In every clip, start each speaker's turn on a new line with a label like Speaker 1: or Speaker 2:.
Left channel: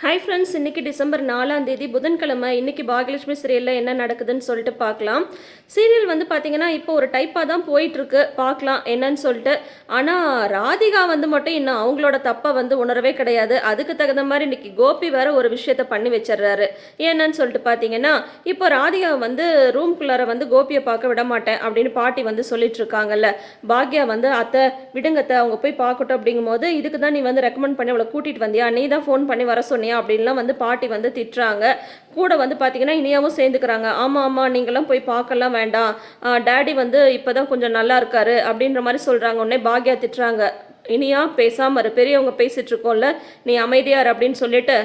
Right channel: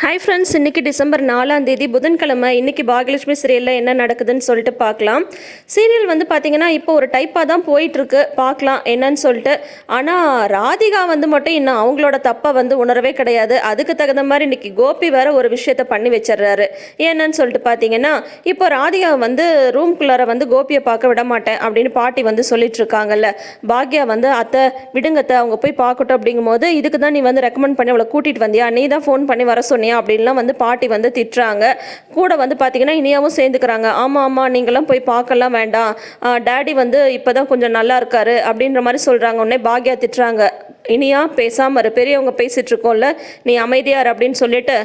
Speaker 1: Hi friends இன்றைக்கி December நாலாம் தேதி புதன்கிழமை. இன்றைக்கி பாகியலட்சுமி சீரியலில் என்ன நடக்குதுன்னு சொல்லிட்டு பார்க்கலாம். சீரியல் வந்து பார்த்திங்கன்னா இப்போ ஒரு டைப்பாக தான் போயிட்டுருக்கு. பார்க்கலாம் என்னன்னு சொல்லிட்டு. ஆனால் ராதிகா வந்து மட்டும் இன்னும் அவங்களோட தப்பை வந்து உணரவே கிடையாது. அதுக்கு தகுந்த மாதிரி இன்றைக்கி கோபி வேறு ஒரு விஷயத்த பண்ணி வச்சிடுறாரு. என்னன்னு சொல்லிட்டு பார்த்தீங்கன்னா இப்போ ராதிகா வந்து ரூம்குள்ளார வந்து கோபியை பார்க்க விட மாட்டேன் அப்படின்னு பாட்டி வந்து சொல்லிட்டு இருக்காங்கல்ல. பாக்யா வந்து அத்தை விடுங்கத்தை அவங்க போய் பார்க்கட்டும் அப்படிங்கும்போது இதுக்கு தான் நீ வந்து ரெக்கமெண்ட் பண்ணி அவளை கூட்டிகிட்டு வந்தியா? நீ தான் ஃபோன் பண்ணி வர சொன்னியா அப்படின்லாம் வந்து பாட்டி வந்து திட்டுறாங்க. கூட வந்து பார்த்தீங்கன்னா இனியாவும் சேர்ந்துக்கிறாங்க. ஆமாம் ஆமாம் நீங்களாம் போய் பார்க்கலாம் வேண்டாம். டேடி வந்து இப்போ தான் கொஞ்சம் நல்லா இருக்காரு அப்படின்ற மாதிரி சொல்கிறாங்க உடனே பாக்யா திட்டுறாங்க. இனியா பேசாமல் இரு. பெரியவங்க பேசிகிட்ருக்கோம்ல இருக்கோம்ல நீ அமைதியார் அப்படின்னு சொல்லிட்டு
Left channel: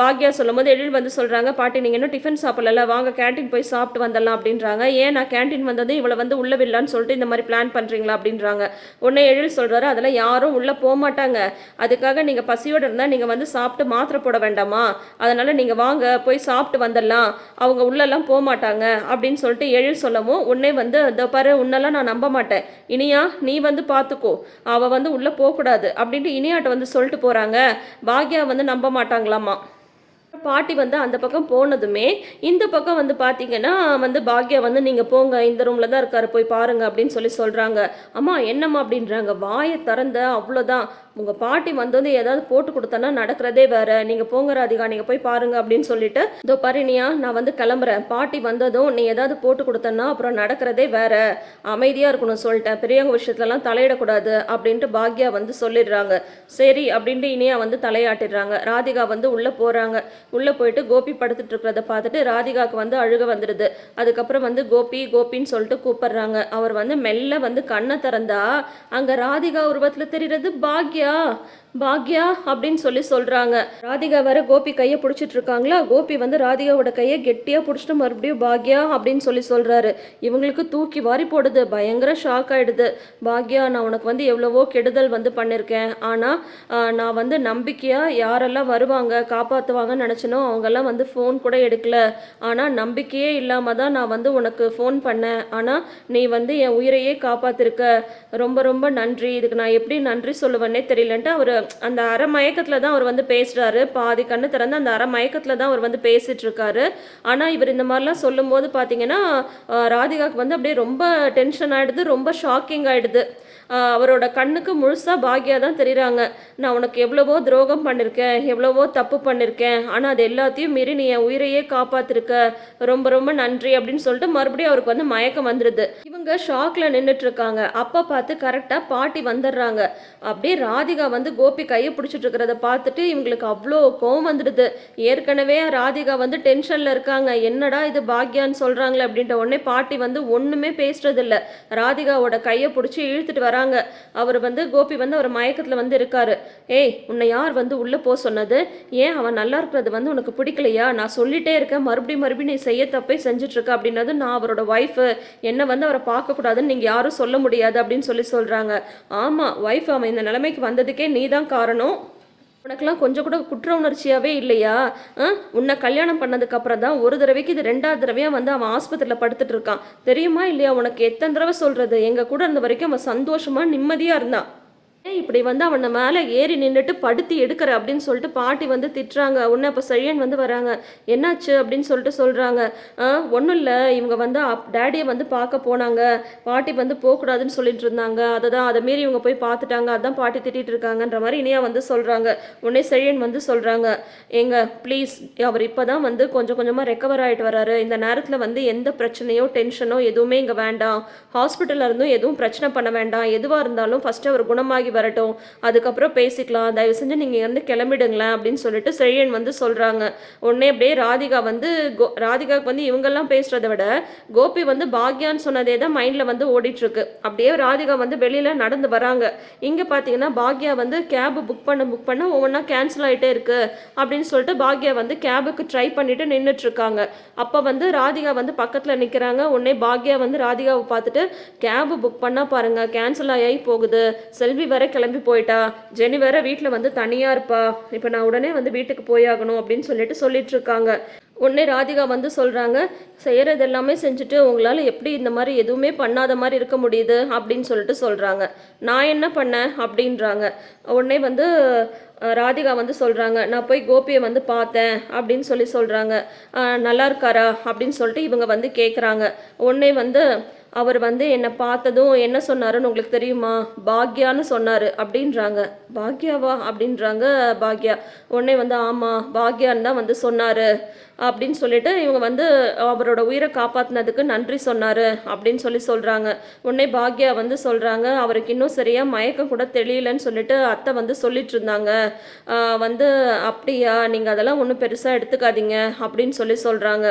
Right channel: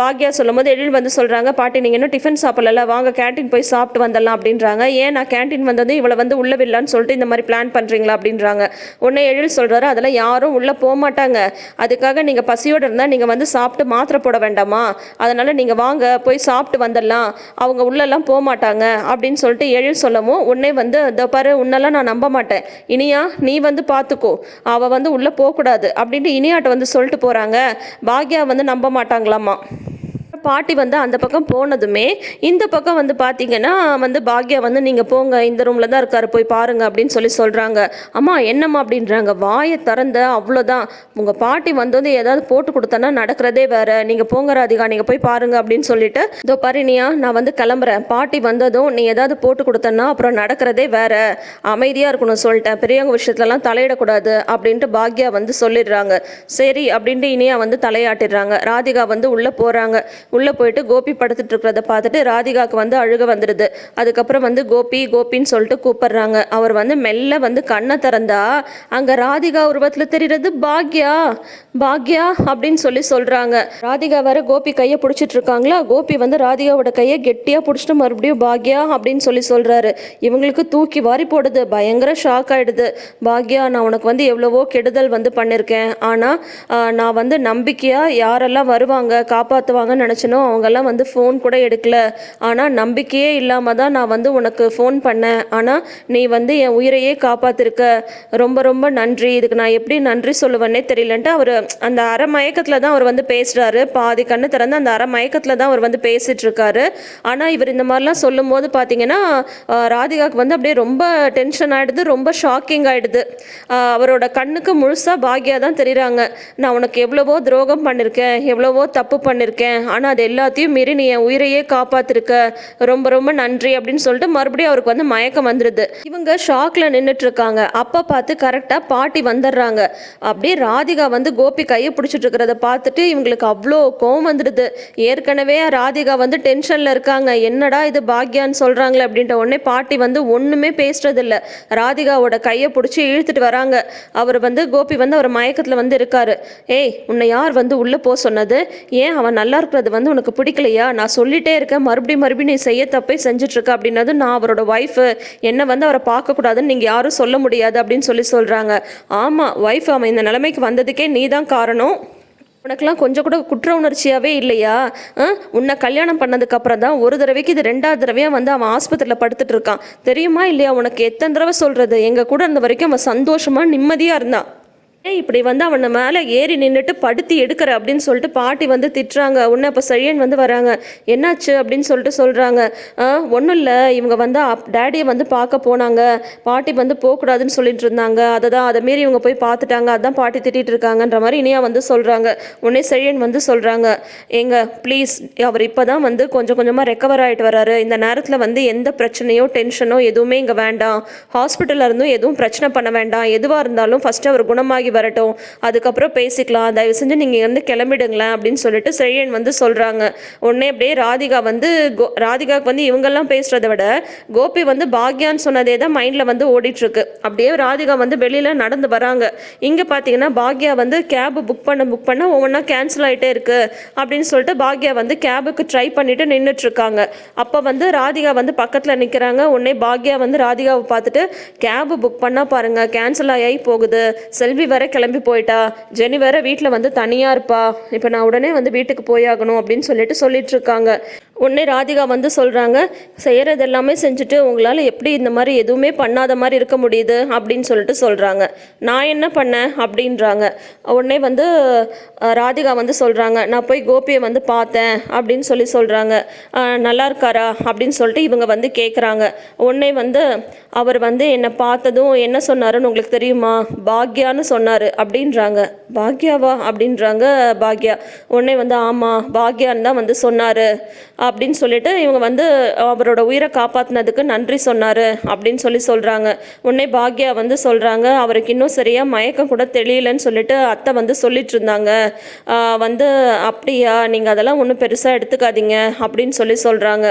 Speaker 1: பாக்யா சொல்லும் சொல்லும்போது எழில் வந்து சொல்கிறாங்க பாட்டி நீங்கள் இன்னும் டிஃபன் சாப்பிடல வாங்க கேண்டீன் போய் சாப்பிட்டு வந்துடலாம் அப்படின்றாங்க. ஏன் நான் கேண்டீன் வந்தது இவளை வந்து உள்ள விடலான்னு சொல்லிட்டு இந்த மாதிரி பிளான் பண்ணுறீங்களா அப்படின்றாங்க. உடனே எழில் சொல்கிறாரு அதெல்லாம் யாரும் உள்ளே போக மாட்டாங்க. அதுக்காக நீங்கள் பசியோடு இருந்தால் நீங்கள் வந்து சாப்பிட்டு மாத்திரை போட வேண்டாமா? அதனால் நீங்கள் வாங்க போய் சாப்பிட்டு வந்துடலாம். அவங்க உள்ளெல்லாம் போக மாட்டாங்க அப்படின்னு சொல்லிட்டு எழில் சொல்லவும் உடனே வந்து இதோ பாரு உன்னெல்லாம் நான் நம்ப மாட்டேன். இனியா நீ வந்து பார்த்துக்கோ அவள் வந்து உள்ள போகக்கூடாது அப்படின்ட்டு இனியாட்ட வந்து சொல்லிட்டு போறாங்க. பாக்யா வந்து நம்ப மாட்டாங்களாமா? பாட்டி வந்து அந்த பக்கம் போனதுமே இந்த பக்கம் வந்து பார்த்தீங்கன்னா வந்து பாக்யா வந்து நீங்கள் போங்க இந்த ரூமில் தான் இருக்காரு போய் பாருங்க அப்படின்னு சொல்லி சொல்கிறாங்க அம்மா என்னம்மா அப்படின்றாங்க. வாயை திறந்த அவ்வளோதான் உங்கள் பாட்டி வந்து வந்து ஏதாவது போட்டு கொடுத்தனா நடக்கிறதே வேற. நீங்கள் போங்க ராதிகா நீங்கள் போய் பாருங்க அப்படின்னு சொல்லிட்டு இதோ பரிணியா நான் வந்து கிளம்புறேன். பாட்டி வந்ததும் நீ ஏதாவது போட்டு கொடுத்தனா அப்புறம் நடக்கிறதே வேற. அமைதியாக இருக்கணும் சொல்லிட்டேன். பெரியவங்க விஷயத்துலலாம் தலையிடக்கூடாது அப்படின்ட்டு பாக்யா வந்து சொல்லிடுறாங்க. சரி அப்படின்ட்டு இனியா வந்து தலையாட்டிடுறாங்க. ராதிகா வந்து உள்ளே போகிறாங்க உள்ளே போயிட்டு கோபி படுத்துட்டு இருக்கிறத பார்த்துட்டு ராதிகாவுக்கு வந்து அழுக வந்துடுது. அதுக்கப்புறம் வந்து கோபி கோபின்னு சொல்லிட்டு கூப்பிடுறாங்க. அவர் வந்து மெல்ல வந்து கண்ணை திறந்தா அங்கே ராதிகா உருவத்தில் தெரிகிறது பாக்யா பாக்யா அப்படின்னு சொல்லி சொல்கிறாங்க ராதிகா வேற கோபி கையை பிடிச்சிட்டு இருக்காங்களா? கோபி வந்து ராதிகாவோட கையை கெட்டியாக பிடிச்சிட்டு மறுபடியும் பாக்யா அப்படின்னு சொல்லி சொல்கிறாரு இவங்களுக்கு தூக்கி வாரி போடுது. பயங்கர ஷாக் ஆகிடுது பாக்யா நான் உனக்கு வந்து எவ்வளவோ கெடுதல் வந்து பண்ணியிருக்கேன் ஆனால் நான் வந்து நம்பிக்கையாக யாரெல்லாம் வருவாங்க காப்பாற்றுவாங்கன்னு நினச்சனோ அவங்கெல்லாம் வந்து ஃபோன் கூட எடுக்கல. ஆனால் நம்பிக்கையே இல்லாமல் தான் நான் வந்து உனக்கு ஃபோன் பண்ணேன். ஆனால் நீ வந்து என் உயிரையே காப்பாத்திருக்க. ரொம்ப ரொம்ப நன்றி. இதுக்கு நான் எப்படி நன்றி சொல்லுவேன்னே தெரியலன்ட்டு அவர் அந்த அரை மயக்கத்தில் தான் அவர் வந்து பேசுகிறாரு பாதி கண்ணு திறந்து அந்த அரை மயக்கத்தில் தான் அவர் வந்து பேசிட்டு இருக்காரு ஆனால் இவர் இந்த மாதிரிலாம் சொல்லும்போது பார்த்தீங்கன்னா ராதிகாவுக்கு வந்து அப்படியே ரொம்ப டென்ஷன் ஆகிடுது ரொம்ப ஷாக்கிங் ஆகிடுது அவரோட கண்ணுக்கு முழுசாக பாக்யா தான் தெரியுறாங்க. நான் உனக்கு எவ்வளவோ துரோகம் பண்ணியிருக்கேன் எவ்வளவோ தப்பு பண்ணியிருக்கேன் ஆனால் அது எல்லாத்தையும் மீறி நீ என் உயிரையே காப்பாத்திருக்க. ரொம்ப ரொம்ப நன்றி அப்படின்னு சொல்லிட்டு மறுபடியும் அவருக்கு வந்து மயக்கம் வந்துடுது இவங்க ஷாக்ல நின்றுட்டு இருக்காங்க அப்பா பார்த்து கரெக்டாக பாட்டி வந்துடுறாங்க. அப்படியே ராதிகா வந்து கோபி கையை பிடிச்சிட்டு இருக்கிறத பார்த்துட்டு இவங்களுக்கு அவ்வளோ கோவம் வந்துடுது ஏற்கனவே ராதிகா வந்து டென்ஷனில் இருக்காங்க. என்னடா இது பாக்யான்னு சொல்கிறாங்களே அப்படின்ட்டு உடனே பாட்டி வந்து ஒன்றுமே பேசுறதில்ல ராதிகாவோட கையை பிடிச்சி இழுத்துட்டு வராங்க. அவர் வந்து கோபி வந்து அவர் மயக்கத்தில் வந்து இருக்காரு. ஏய் உன்னை யார் வந்து உள்ளே போக சொன்னது? ஏன் அவன் நல்லா இருக்கிறது வந்து வந்து உனக்கு பிடிக்கலையா? நான் சொல்லிட்டே இருக்கேன். மறுபடியும் மறுபடியும் நீ செய்ய தப்பே செஞ்சிட்ருக்க அப்படின்னது நான் அவரோட ஒய்ஃபு என்னை வந்து அவரை பார்க்கக்கூடாதுன்னு நீங்கள் யாரும் சொல்ல முடியாது அப்படின்னு சொல்லி சொல்கிறாங்க ஆமாம் ஒய்ஃப் அவன் இந்த நிலைமைக்கு வந்ததுக்கே நீ தான் காரணம். உனக்கெல்லாம் கொஞ்சம் கூட குற்ற உணர்ச்சியாகவே இல்லையா? ஆ? உன்னை கல்யாணம் பண்ணதுக்கப்புறம் தான் ஒரு தடவைக்கு இது ரெண்டாவது தடவையாக வந்து அவன் ஆஸ்பத்திரியில் படுத்துட்டு இருக்கான் தெரியுமா இல்லையா உனக்கு எத்தனை தடவை சொல்கிறது எங்கள் கூட இருந்த வரைக்கும் அவன் சந்தோஷமாக நிம்மதியாக இருந்தான். இப்படி வந்து அவனை மேலே ஏறி நின்றுட்டு படுத்தி எடுக்கிற அப்படின்னு சொல்லிட்டு பாட்டி வந்து திட்டுறாங்க. உன்னை அப்போ செழியன் வந்து வராங்க. என்னாச்சு அப்படின்னு சொல்லிட்டு சொல்கிறாங்க ஒன்றும் இல்லை. இவங்க வந்து அப் டேடியை வந்து பார்க்க போனாங்க. பாட்டி வந்து போகக்கூடாதுன்னு சொல்லிட்டு இருந்தாங்க. அதை தான் அதை மாரி இவங்க போய் பார்த்துட்டாங்க. அதான் பாட்டி திட்டிகிட்டு இருக்காங்கன்ற மாதிரி இனியா வந்து சொல்கிறாங்க உடனே செழியன் வந்து சொல்கிறாங்க ஏங்க ப்ளீஸ் அவர் இப்போ தான் வந்து கொஞ்சம் கொஞ்சமாக ரெக்கவர் ஆகிட்டு வராரு. இந்த நேரத்தில் வந்து எந்த பிரச்சனையோ டென்ஷனோ எதுவுமே இங்கே வேண்டாம். ஹாஸ்பிட்டலில் இருந்தும் எதுவும் பிரச்சனை பண்ண வேண்டாம். எதுவாக இருந்தாலும் ஃபஸ்ட்டு அவர் குணமாகி வரட்டும். அதுக்கப்புறம் பேசிக்கலாம். தயவு செஞ்சு நீங்கள் வந்து கிளம்பிடுங்களேன் அப்படின்னு சொல்லிட்டு செழியன் வந்து சொல்கிறாங்க உடனே அப்படியே ராதிகா வந்து கோ ராதிகாவுக்கு வந்து இவங்கெல்லாம் பேசுகிறத விட கோபி வந்து பாக்யான்னு சொன்னதே தான் மைண்டில் வந்து ஓடிட்டுருக்கு. அப்படியே ராதிகா வந்து வெளியில் நடந்து வராங்க. இங்கே பார்த்தீங்கன்னா பாக்யா வந்து கேபு புக் பண்ண புக் பண்ண ஒவ்வொன்றா கேன்சல் ஆகிட்டே இருக்கு. அப்படின்னு சொல்லிட்டு பாக்யா வந்து கேபுக்கு ட்ரை பண்ணிட்டு நின்றுட்டு இருக்காங்க அப்போ வந்து ராதிகா வந்து பக்கத்தில் நிற்கிறாங்க உடனே பாக்யா வந்து ராதிகாவை பார்த்துட்டு கேபு புக் பண்ணால் பாருங்க. கேன்சல் ஆகி போகுது. செல்வி வேற கிளம்பி போயிட்டா? ஜெனி வேற வீட்டில் வந்து தனியாக இருப்பா. இப்போ நான் உடனே வந்து வீட்டுக்கு போயாகணும் அப்படின்னு சொல்லிட்டு சொல்லிட்டு இருக்காங்க. உடனே ராதிகா வந்து சொல்கிறாங்க செய்கிறது எல்லாமே செஞ்சுட்டு உங்களால் எப்படி இந்த மாதிரி எதுவுமே பண்ணாத மாதிரி இருக்க முடியுது? அப்படின்னு சொல்லிட்டு சொல்கிறாங்க நான் என்ன பண்ணேன்? அப்படின்றாங்க. உடனே வந்து ராதிகா வந்து சொல்கிறாங்க நான் போய் கோபியை வந்து பார்த்தேன் அப்படின்னு சொல்லி சொல்கிறாங்க நல்லா இருக்காரா? அப்படின்னு சொல்லிட்டு இவங்க வந்து கேட்குறாங்க உடனே வந்து அவர் வந்து என்னை பார்த்ததும் என்ன சொன்னாருன்னு உங்களுக்கு தெரியுமா? பாக்யான்னு சொன்னார் அப்படின்றாங்க. பாக்யாவா? அப்படின்றாங்க பாக்யா. உடனே வந்து ஆமாம் பாக்யான்னு தான் வந்து சொன்னார். அப்படின்னு சொல்லிட்டு இவங்க வந்து அவரோட உயிரை காப்பாற்றினதுக்கு நன்றி சொன்னார் அப்படின்னு சொல்லி சொல்கிறாங்க உடனே பாக்யா வந்து சொல்கிறாங்க அவருக்கு இன்னும் சரியாக மயக்கம் கூட தெரியலன்னு சொல்லிட்டு அத்தை வந்து சொல்லிட்டு இருந்தாங்க. வந்து அப்படியா நீங்கள் அதெல்லாம் ஒன்றும் பெருசாக எடுத்துக்காதீங்க அப்படின்னு சொல்லி சொல்கிறாங்க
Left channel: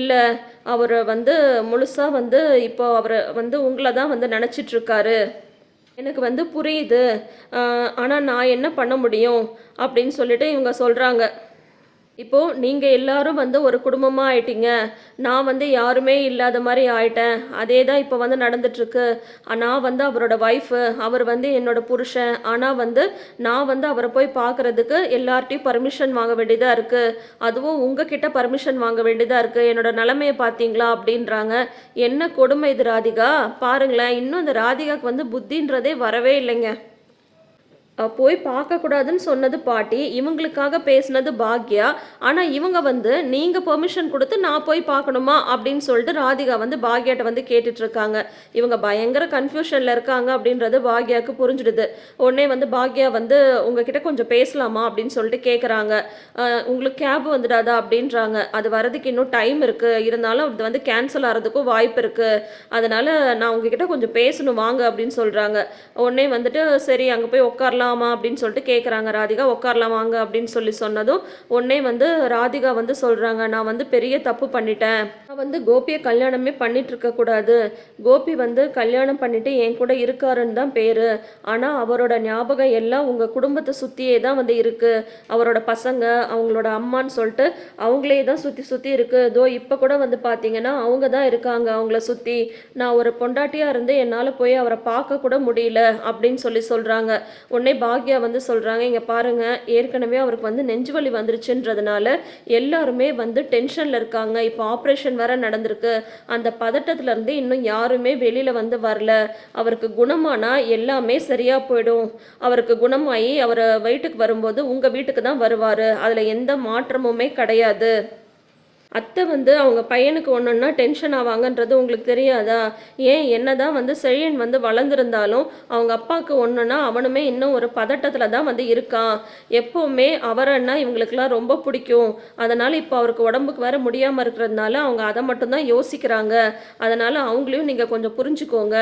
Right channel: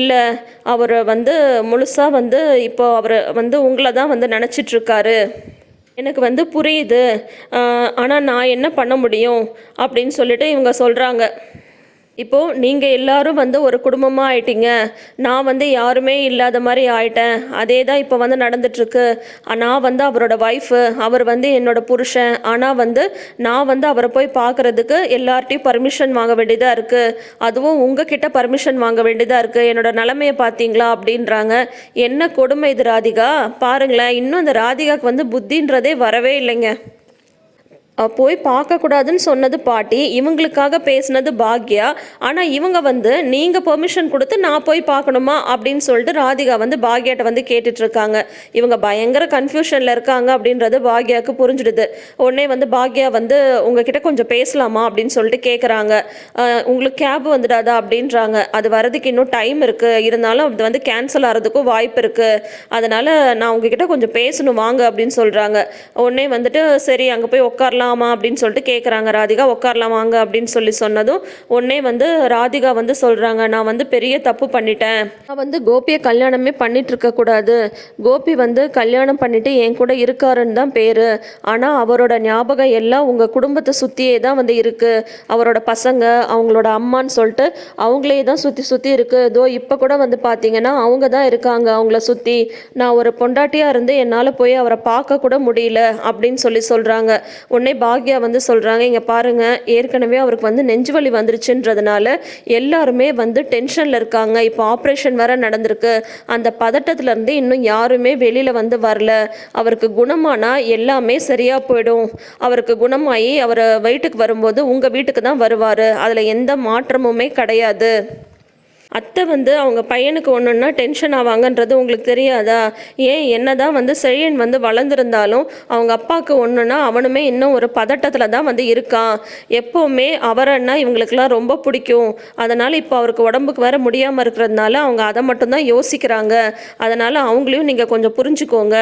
Speaker 1: இல்லை அவர் வந்து முழுசாக வந்து இப்போ அவர் வந்து உங்களை தான் வந்து நினச்சிட்ருக்காரு எனக்கு வந்து புரியுது. ஆனால் நான் என்ன பண்ண முடியும் அப்படின்னு சொல்லிட்டு இவங்க சொல்கிறாங்க இப்போது நீங்கள் எல்லாரும் வந்து ஒரு குடும்பமாக ஆயிட்டீங்க. நான் வந்து யாருமே இல்லாத மாதிரி ஆயிட்டேன். அதே தான் இப்போ வந்து நடந்துட்டுருக்கு. நான் வந்து அவரோட ஒய்ஃபு அவர் வந்து என்னோட புருஷன். ஆனால் வந்து நான் வந்து அவரை போய் பார்க்குறதுக்கு எல்லார்ட்டையும் பர்மிஷன் வாங்க வேண்டியதாக இருக்குது அதுவும் உங்ககிட்ட பர்மிஷன் வாங்க வேண்டியதாக இருக்குது என்னோட நிலமையை பார்த்தீங்களா அப்படின்றாங்க. என்ன கொடுமை இது ராதிகா? பாருங்களேன் இன்னும் இந்த ராதிகாவுக்கு வந்து புத்தின்றதே வரவே இல்லைங்க. போய் பார்க்கக்கூடாதுன்னு சொன்னது பாட்டி இவங்களுக்காக பேசினது பாக்யா. ஆனால் இவங்க வந்து நீங்கள் பெர்மிஷன் கொடுத்து நான் போய் பார்க்கணுமா? அப்படின்னு சொல்லிட்டு ராதிகா வந்து பாக்யாட்ட வந்து கேட்டுட்ருக்காங்க. இவங்க பயங்கர கன்ஃபியூஷனில் இருக்காங்க அப்படின்றது பாக்யாவுக்கு புரிஞ்சிடுது. உடனே வந்து பாக்யா வந்து உங்ககிட்ட கொஞ்சம் பேசலாமா? அப்படின்னு சொல்லிட்டு கேட்குறாங்க உங்களுக்கு கேப் வந்துடாதா? அப்படின்றாங்க. அது வரதுக்கு இன்னும் டைம் இருக்குது இருந்தாலும் அது வந்து கேன்சல் ஆகிறதுக்கும் வாய்ப்பு இருக்குது அதனால் நான் உங்ககிட்ட கொஞ்சம் பேசணும் வாங்க அப்படின்னு சொல்கிறாங்க உடனே வந்துட்டு சரி அங்கே போய் உட்காரலாம். அப்படின்னு சொல்லிட்டு கேட்குறாங்க ராதிகா உட்காரலாம் வாங்க அப்படின்னு சொல்லி சொன்னதும் உடனே வந்து ராதிகா வந்து சொல்கிறாங்க நான் வந்து பெரிய தப்பு பண்ணிட்டேன். நான் வந்து கோபியை கல்யாணமே பண்ணிட்டு இருக்கக்கூடாது கோபி வந்து கல்யாணம் பண்ணிட்டு என் கூட இருக்காருன்னு தான் பேர். ஆனால் அவரோட ஞாபகம் எல்லாம் உங்கள் குடும்பத்தை சுற்றியே தான் வந்து இருக்குது அவரோட பசங்க அவங்களோட அம்மான்னு சொல்லிட்டு அவங்களே தான் சுற்றி சுற்றி இருக்குது இதோ இப்போ கூட வந்து பார்த்தீங்கன்னா அவங்க தான் இருக்காங்க அவங்கள சுற்றி நான் ஒரு பொண்டாட்டியாக இருந்து என்னால் போய் அவரை பார்க்க கூட முடியல அப்படின்னு சொல்லி சொல்கிறாங்க உடனே பாக்யா வந்து சொல்கிறாங்க இங்கே பாருங்கள் ஏற்கனவே அவருக்கு வந்து நெஞ்சு வலி வந்துருச்சுன்றதுனால எல்லாருமே வந்து டென்ஷனில் இருக்காங்க. இப்போ ஆப்ரேஷன் வேற நடந்திருக்கு. அந்த பதட்டத்துலேருந்து இன்னும் யாருமே வெளியில் வந்து வரல. அவருக்கு குணமானா எல்லாமே சரியாக போயிடும். அவருக்கு குணமாகி அவர் வீட்டுக்கு வரும்போது உங்கள் வீட்டுக்கு தான் வருவார். அதில் எந்த மாற்றமுமே கிடையாது. அத்தை வந்து அவங்க பையனுக்கு ஒன்றுன்னா டென்ஷன் ஆவாங்கன்றது உங்களுக்கு தெரியாதா? ஏன் என்னதான் வந்து செழியன் வந்து வளர்ந்துருந்தாலும் அவங்க அப்பாவுக்கு ஒன்றுன்னா அவனுமே இன்னும் ஒரு பதட்டத்தில் தான் வந்து இருக்கான். எப்போவுமே அவரன்னா இவங்களுக்கெல்லாம் ரொம்ப பிடிக்கும். அதனால் இப்போ அவருக்கு உடம்புக்கு வேற முடியாமல் இருக்கிறதுனால அவங்க அதை மட்டும்தான் யோசிக்கிறாங்க. அதனால் அவங்களையும் நீங்கள் கொஞ்சம் புரிஞ்சுக்கோங்க.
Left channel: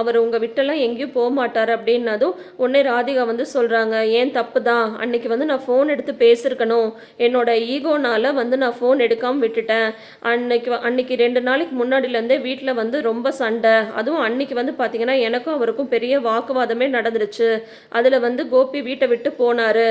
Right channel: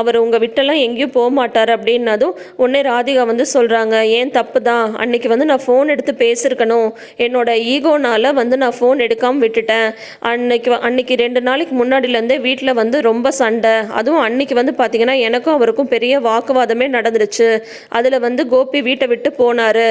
Speaker 1: அவர் உங்கள் விட்டெல்லாம் எங்கேயும் போக மாட்டார் அப்படின்னதும் உடனே ராதிகா வந்து சொல்கிறாங்க ஏன் தப்பு தான்? அன்னைக்கு வந்து நான் ஃபோன் எடுத்து பேசியிருக்கணும். என்னோட ஈகோனால் வந்து நான் ஃபோன் எடுக்காமல் விட்டுட்டேன். அன்னைக்கு அன்னைக்கு ரெண்டு நாளைக்கு முன்னாடிலேருந்தே வீட்டில் வந்து ரொம்ப சண்டை. அதுவும் அன்னைக்கு வந்து பார்த்தீங்கன்னா எனக்கும் அவருக்கும் பெரிய வாக்குவாதமே நடந்துருச்சு. அதில் வந்து கோபி வீட்டை விட்டு போனார்.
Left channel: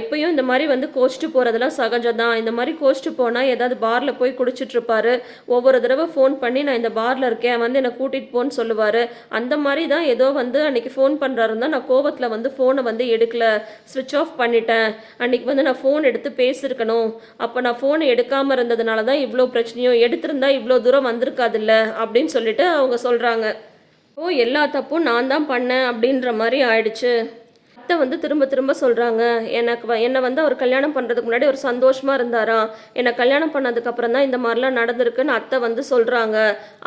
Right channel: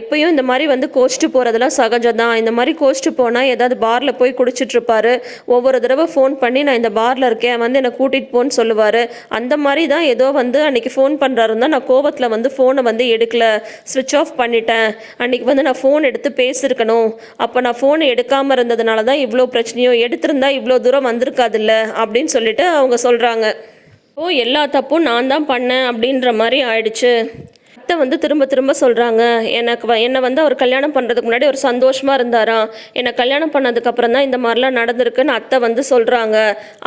Speaker 1: எப்பயும் இந்த மாதிரி வந்து கோச்சிட்டு போகிறதெல்லாம் சகஜம் தான் இந்த மாதிரி கோச்சிட்டு போனால் ஏதாவது பாரில் போய் குடிச்சிட்ருப்பாரு. ஒவ்வொரு தடவை ஃபோன் பண்ணி நான் இந்த பாரில் இருக்கேன் வந்து என்னை கூட்டிகிட்டு போன்னு சொல்லுவார். அந்த மாதிரி தான் ஏதோ வந்து அன்னைக்கு ஃபோன் பண்ணுறாருன்னா நான் கோவத்தில் வந்து ஃபோனை வந்து எடுக்கல. ஸ்விட்ச் ஆஃப் பண்ணிட்டேன். அன்னைக்கு வந்து நான் ஃபோன் எடுத்து பேசியிருக்கணும். அப்போ நான் ஃபோனை எடுக்காமல் இருந்ததுனால தான் இவ்வளோ பிரச்சனையும் எடுத்திருந்தா இவ்வளோ தூரம் வந்திருக்காதுல்ல அப்படின்னு சொல்லிட்டு அவங்க சொல்கிறாங்க ஓ எல்லா தப்பும் நான் தான் பண்ணேன் அப்படின்ற மாதிரி ஆயிடுச்சு. அத்தை வந்து திரும்ப திரும்ப சொல்கிறாங்க எனக்கு வ- என்னை வந்து அவர் கல்யாணம் பண்ணுறதுக்கு முன்னாடி ஒரு சந்தோஷமாக இருந்தாராம் என்னை கல்யாணம் பண்ணதுக்கப்புறம் தான் இந்த மாதிரிலாம் நடந்திருக்குன்னு அத்தை வந்து சொல்கிறாங்க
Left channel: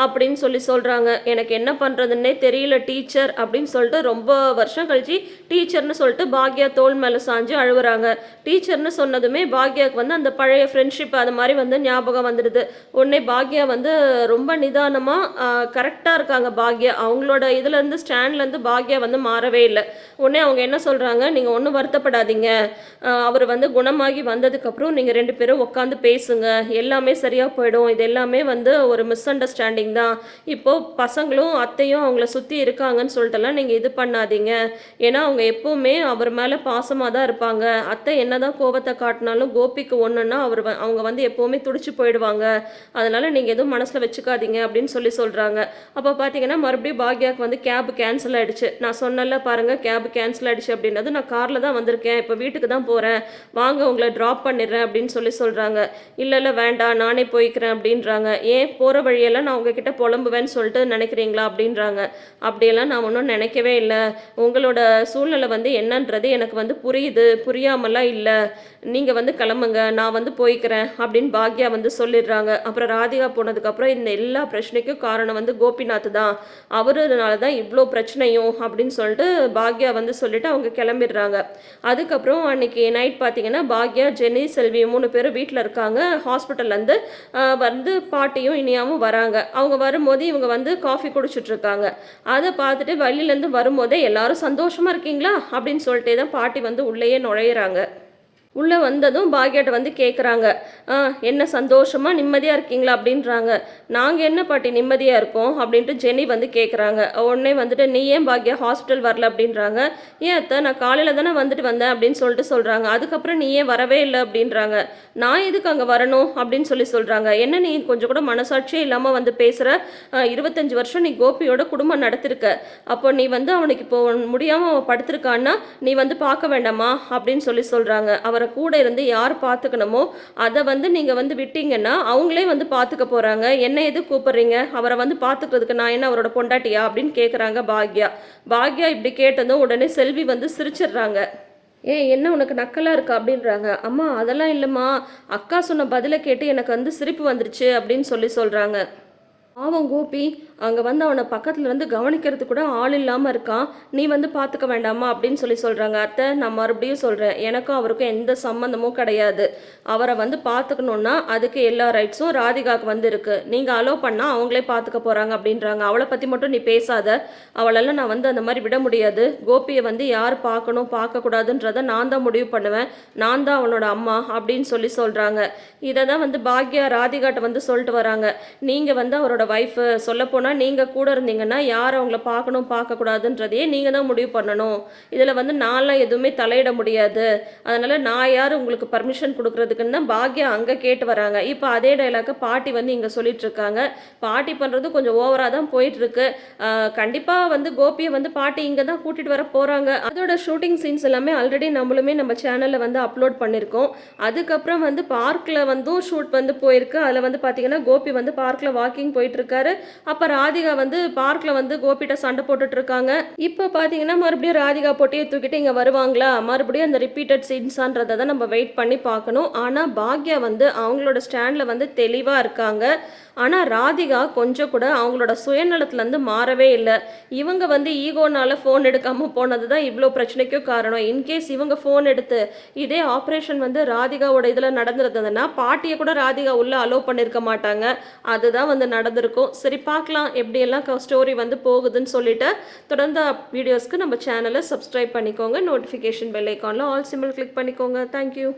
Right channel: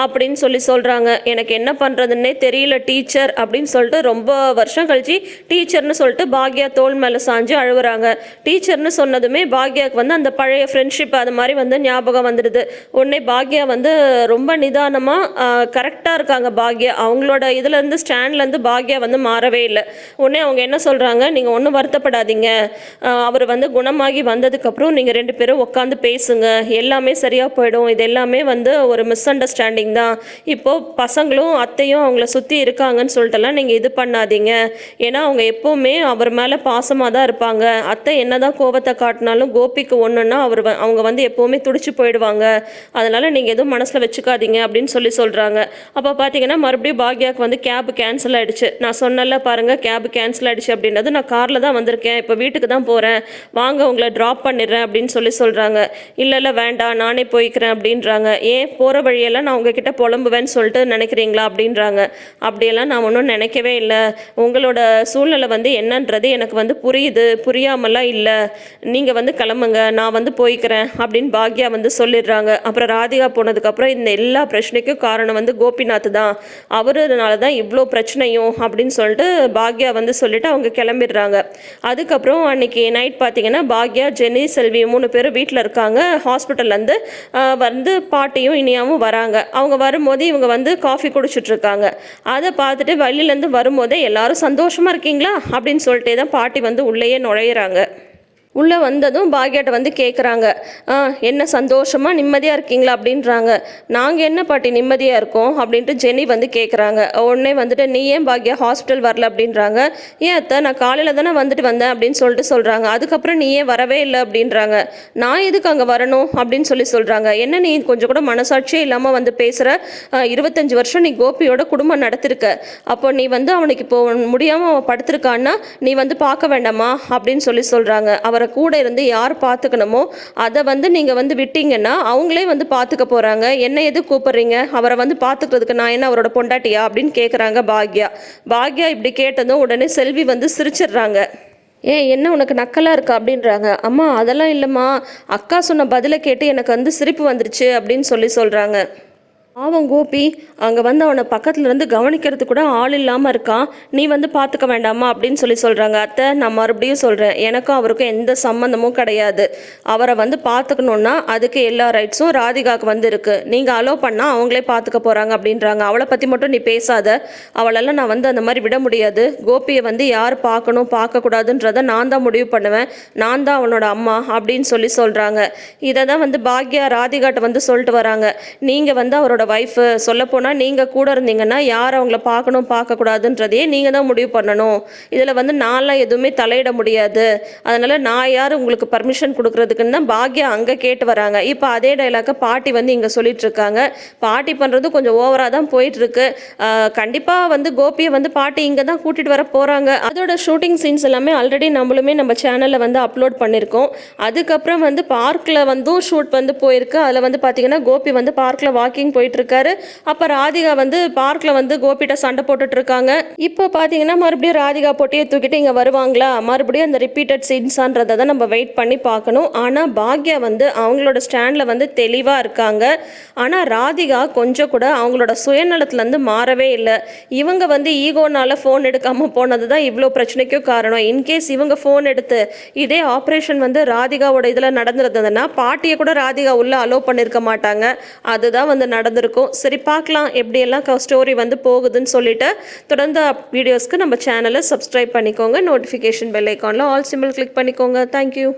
Speaker 1: அப்படின்னு சொல்லி சொல்கிறாங்க எனக்கு என்ன பண்ணுறதுன்னே தெரியல டீச்சர் அப்படின்னு சொல்லிட்டு ரொம்ப வருஷம் கழிச்சு டீச்சர்னு சொல்லிட்டு பாக்யா தோள் மேலே சாஞ்சு அழுகுறாங்க டீச்சர்னு சொன்னதுமே பாக்யாவுக்கு வந்து அந்த பழைய ஃப்ரெண்ட்ஷிப் அது மாதிரி வந்து ஞாபகம் வந்துடுது. உடனே பாக்யா வந்து ரொம்ப நிதானமாக கரெக்டாக இருக்காங்க பாக்யா. அவங்களோட இதுலேருந்து ஸ்டாண்ட்லேருந்து பாக்யா வந்து மாறவே இல்லை. உடனே அவங்க என்ன சொல்கிறாங்க நீங்கள் ஒன்றும் வருத்தப்படாதீங்க. அவர் வந்து குணமாகி வந்ததுக்கப்புறம் நீங்கள் ரெண்டு பேரும் உட்காந்து பேசுங்க. எல்லாமே சரியாக போயிடும். இது எல்லாமே வந்து ஒரு மிஸ் அண்டர்ஸ்டாண்டிங் தான். இப்போது பசங்களும் அத்தையும் அவங்கள சுற்றி இருக்காங்கன்னு சொல்லிட்டுலாம் நீங்கள் இது பண்ணாதீங்க. ஏன்னா அவங்க எப்போவுமே அவர் மேலே பாசமாக தான் இருப்பாங்க. அத்தை என்ன தான் கோவத்தை காட்டினாலும் கோபிக்கு ஒன்றுன்னா அவர் வ- அவங்க வந்து எப்போவுமே துடிச்சு போயிடுவாங்க. அதனால் நீங்கள் எதுவும் மனசில் வச்சுக்காதீங்க அப்படின்னு சொல்லி சொல்கிறாங்க அப்போ பார்த்தீங்கன்னா மறுபடியும் பாக்யாவுக்கு வந்து கேப் கேன்சல் ஆகிடுச்சு நான் சொன்னல பாருங்கள் கேப் கேன்சல் ஆகிடுச்சு அப்படின்றது நான் காரில் தான் வந்திருக்கேன். இப்போ வீட்டுக்கு தான் போகிறேன் வாங்க உங்களை ட்ராப் பண்ணிடுறேன் அப்படின்னு சொல்லி சொல்கிறாங்க இல்லை இல்லை வேண்டாம் நானே போய்க்கிறேன் அப்படின்றாங்க. ஏன்? போகிற வழியெல்லாம் நான் உங்ககிட்ட புலம்புவேன்னு சொல்லிட்டு நினைக்கிறீங்களா அப்படின்றாங்க. அப்படியெல்லாம் நான் ஒன்றும் நினைக்கவே இல்லை. உங்களோட சூழ்நிலை வந்து என்னன்றது எனக்கு வந்து புரியுது. புரியாமலாம் இல்லை. நீங்கள் வந்து கிளம்புங்க. நான் வந்து போய்க்கிறேன் அப்படின்னு பாக்யா வந்து சொல்லிடுறாங்க. அப்புறம் ராதிகா போனதுக்கப்புறம் இந்த எல்லா பிரச்சனைக்கும் காரணம் வந்து கோபிநாத் தான். அவருனால தான் இவ்வளோ பிரச்சனையும் அப்படின்னு சொல்லிட்டு பாக்யா வந்து சொல்லிட்டு அவங்க கிளம்பிடுறாங்க. அதுக்கப்புறம் அன்னைக்கு நைட் பார்த்தீங்கன்னா பாக்யா ஜெனி செல்வி மூணு பேரும் வீட்டில் இருக்காங்க. ஹாஸ்பிட்டல்லேருந்து வந்து பாட்டியும் இனியாவும் வராங்க. அவங்க வரும்போது இவங்க வந்து காஃபி குடிச்சிட்ருக்காங்க அதை பார்த்துட்டு வழியிலேருந்து வரும்போதே எல்லாரும் சந்தோஷமாக இருக்கீங்களா? அப்படின்னு சொல்லிட்டே தான் பாட்டி வந்து உள்ளேயே நுழையிறாங்க. உள்ளே வந்ததும் பாக்யாட்ட வந்து கேட்குறாங்க ஆ என்ன சந்தோஷமாக நிம்மதியாக இருக்கீங்களா? அப்படின்றாங்க. நாங்கள் என்ன பாட்டி நிம்மதியாக இருக்கோம்? அப்படின்ட்டு ஜெனி வந்து கேட்குறாங்க உடனே வந்துட்டு நீ ஏன் பாக்யா ஹாஸ்பிட்டல் வரல? அப்படின்றாங்க. ஏன் அத்தை நான் காலையில் தானே வந்துட்டு வந்தேன் அப்படின்னு சொல்லிட்டு சொல்கிறாங்க அதுக்கப்புறம் நீ ஏன் வரவே இல்லை? அப்படின்றாங்க. நான் எதுக்கு அங்கே வரணும்? அப்படின்னு சொல்லி சொல்கிறாங்க என்ன நீ கொஞ்சம் கூட மனசாட்சியே இல்லாமல் வந்து பேசுகிற இருபத்தஞ்சி வருஷம் நீ கோபியோட குடும்பம் நடத்திருக்க. அப்போ நீ வந்து அவனுக்கு இப்போ முடியாமல் அவன் படுத்திருக்கான்னா நீ வந்து பார்க்க வேண்டாமா? அப்படின்னு சொல்லி சொல்கிறாங்க அவர் கூட இருந்து யார் பார்த்துக்கணுமோ அதை வந்து நீங்கள் வந்து விட்டீங்கன்னா அவங்களே வந்து பார்த்துக்க போகிறாங்க என்ன எது கூப்பிட்றீங்க? அவரை வந்து பார்த்துக்கிறதுக்கு நான் என்ன அவரோட பொண்டாட்டியா? அப்படின்னு கேட்குறாங்க பாக்யா. பாக்யா இப்படி கேட்டதும் உடனே செல்வி வந்து சிரிச்சிடுறாங்க. ஏ என்ன உனக்கு நக்கலாக இருக்கா? அப்படின்றாங்க. அம்மா அதெல்லாம் இல்லைம்மா. அக்கா சொன்ன பதிலை கேட்டு எனக்கு வந்து சிரிப்பு வந்துருச்சு அப்படின்னு சொல்லி சொல்கிறாங்க பாவம் கோபி அங்கே வந்து அவனை பக்கத்துல இருந்து கவனிக்கிறது கூட ஆள் இல்லாமல் இருக்கான் நீ வந்து பார்த்துக்க வேண்டாமா? அப்படின்னு சொல்லி சொல்கிறாங்க அத்தை நான் மறுபடியும் சொல்கிறேன் எனக்கும் அவருக்கும் எந்த சம்மந்தமும் கிடையாது. அவரை வந்து பார்த்துக்கணுன்னா அதுக்கு எல்லா ரைட்ஸும் ராதிகாவுக்கு வந்து இருக்குது நீங்கள் அலோவ் பண்ணால் அவங்களே பார்த்துக்க போகிறாங்க அப்படின்றாங்க. அவளை பற்றி மட்டும் நீ பேசாத. அவளெல்லாம் நான் வந்து அந்த மாதிரி விட முடியாது. கோபியை வந்து யார் பார்க்கணும் பார்க்கக்கூடாதுன்றதை நான் தான் முடிவு பண்ணுவேன். நான் தான் அவனோட அம்மா அப்படின்னு சொல்லி சொல்கிறாங்க இதை தான் வந்து பாக்யா ராதிகாட்ட வந்து சொல்லிட்டு வராங்க. நீங்கள் வந்து அவரோட ஒய்ஃபு சொல்லப்போனால் நீங்கள் கூட இருந்தீங்கன்னா யார் அவங்கள பார்க்கணும் பார்க்கக்கூடாதுன்றதையே நீங்கள் தான் முடிவு பண்ணணும். இதில் வந்து நான்லாம் எதுவுமே தலையிட முடியாது. அதனால் நான் யார் உங்களுக்கு பர்மிஷன் கொடுக்குறதுக்குன்னு தான் பாக்யா அங்கே கேட்டு வராங்க. இப்போ அதே டைலாக்கை பாட்டி வந்து இங்கே சொல்லிகிட்ருக்காங்க பாட்டி பண்ணுறது கொஞ்சம் ஓவராக தான் போயிட்டுருக்கு கண்டிப்பாக வந்து கோபியை வந்து பாட்டி இங்கே தான் கூட்டிகிட்டு வர போகிறாங்க அதோட ஷூட்டிங் சீன்ஸ் எல்லாமே ஆல்ரெடி நம்மளுமே நம்ம சேனலில் வந்து அப்லோட் பண்ணியிருக்கோம் அதுக்கப்புறம் வந்து பார்க்கில் வந்தும் ஷூட் வந்து போயிருக்கு. அதில் வந்து பார்த்தீங்கன்னா கோபி வந்து பார்க்கில் வாக்கிங் போயிட்டு இருக்காரு அப்போ ராதிகா வந்து பார்க்கில் வந்து கோபிட்ட சண்டை போட்டுட்டு இருக்காங்க இப்போ பார்த்தீங்கன்னா மறுபடியும் ராதிகா போட்டியை தூக்கிட்டு இங்கே வருவாங்களா? மறுபடியும் அந்த ரிப்பீட்டட் சீன்ஸான்றதை தான் நம்ம வெயிட் பண்ணி பார்க்கணும். ஆனால் பாக்யா வந்து அவங்களோட ஸ்டாண்டில் வந்து தெளிவாக இருக்காங்க. ஆனால் ராதிகா கொஞ்சம் கூட அவங்களோட சுயநலத்துலேருந்து மாறவே இல்லை. இவங்க வந்து ஈகோனால ஃபோன் எடுக்காமல் போனது தான் இவ்வளோ பிரச்சனைக்கும் காரணம். இன்கேஸ் இவங்க ஃபோன் எடுத்து இதே ஆப்ரேஷன் வந்து ராதிகாவோட இதில் நடந்திருந்ததுன்னா பாட்டியை கூட ராதிகா உள்ள அலோவ் பண்ணியிருக்க மாட்டாங்க. அதுதான் வந்து வந்திருக்கும். சரி பார்க்கலாம் எப்படியெல்லாம் ஸ்டோரி வந்து போகுதுன்னு சொல்லிட்டு தொடர்ந்து வீடியோஸ்க்கு நம்ம சேனலை சப்ஸ்கிரைப் பண்ணிக்கோங்க. நோட்டிஃபிகேஷன் பெல் ஐக்கானில் ஆல் சிம்பிள் கிளிக் பண்ணிக்கோங்க. Thank you